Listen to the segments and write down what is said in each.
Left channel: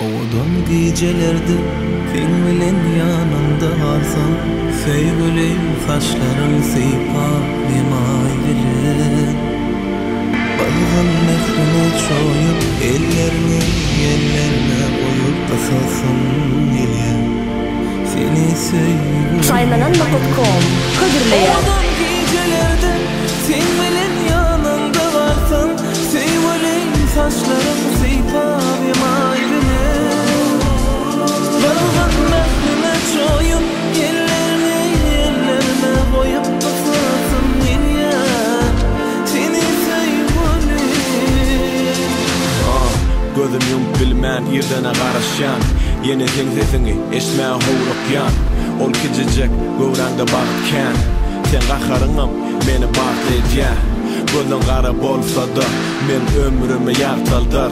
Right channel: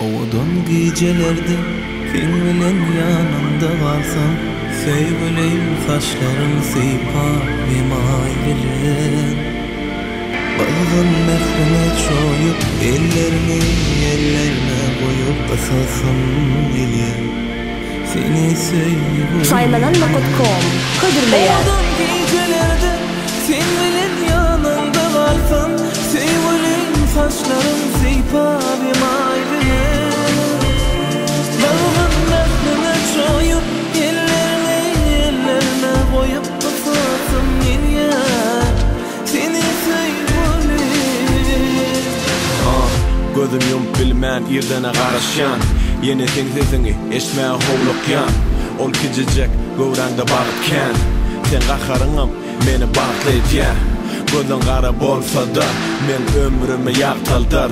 Oğudun gecelerdi sen bilen yanımda kalsam, sevgilim saçların sıypap yemaylilen. Balgın mehrine çoyup ellerine koyup kısasım geliyor. Seni sevgilim. Oğudun gecelerde sen bilen yanımda kalsam, sevgilim saçların sıypap yemaylilen. Balgın mehrine çoyup ellerine koyup kısasım geliyor. Seni gözüm yumup bilmän ýerdene garaşan, ýene sesini eşmeýän howlukyan. On gijejek göwrände bagtken, sen aharyňam meni bagtlaýan. Gözüň gara bolsa-da men ömrümi ýagtaldyr.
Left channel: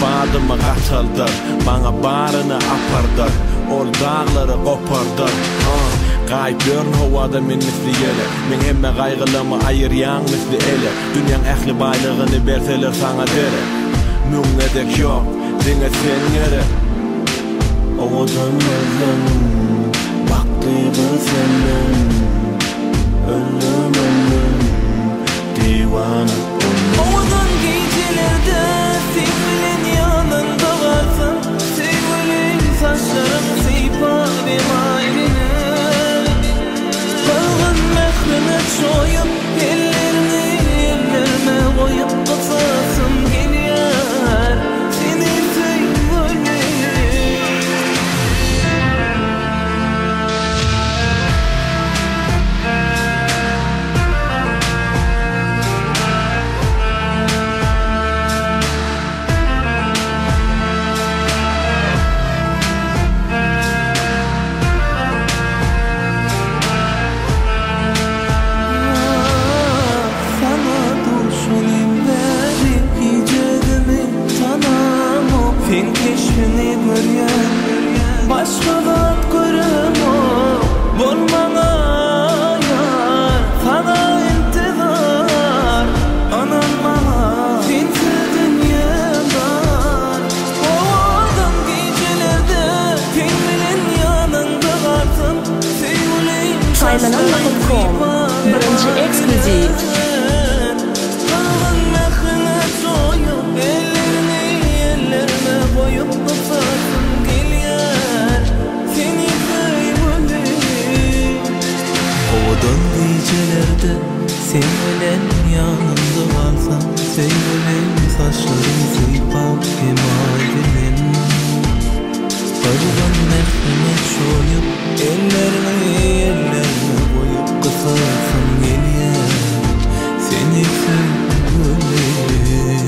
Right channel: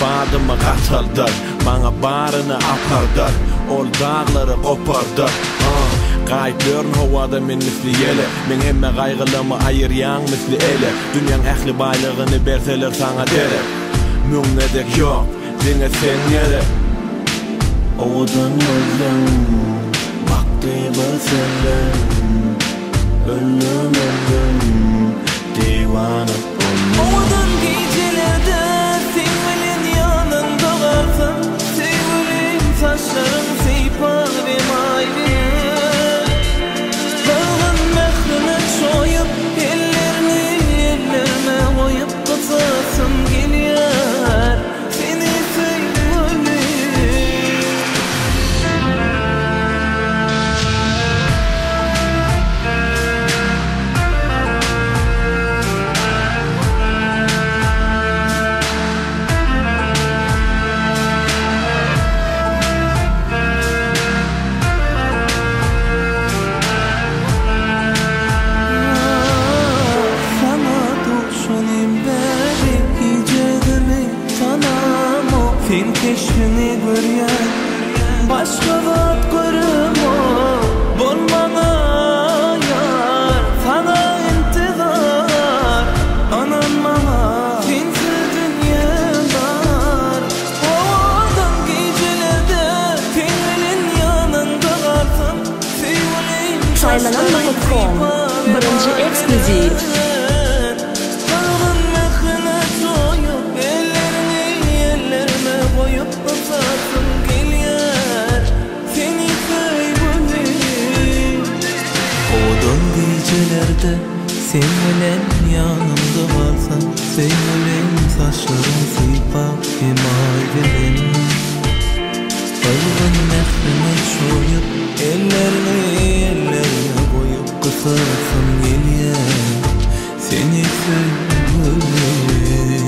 Badymy gattaldyr, baňa baryny apardyr, ol daglary gopardyr. Gaýplar howada meni fiýele, men hemme gaýgylymy aýyrýan misli ele. Dünýäň ähli baýlygyny berseler saňa dere. Mümnedek yok, seni sen yere. Oğudun özlem, vakti bir senden. Ölüm, divana. Oğudun gecelerde sevgilin yanında kalsam, sevgilin saçların sıypar yemayliler. Balgın mehrine çoyup ellerine koyup kısasım geliyor. Sen keşfini görýän, başga zat görümo, bolmaňa ýar, sana intizar, anam mana, sensiz dünýädar. Oğudun gejelerde, kendinin yanında kalsam, sevgilim saçların sıypar yemayliler. Oğudun gecelerde sen bilen yanımda kalsam, sevgilim saçların sıypap yemaylilen. Balgın mehrine çoyup ellerine koyup kısasım geliyor. Seni sevgilim.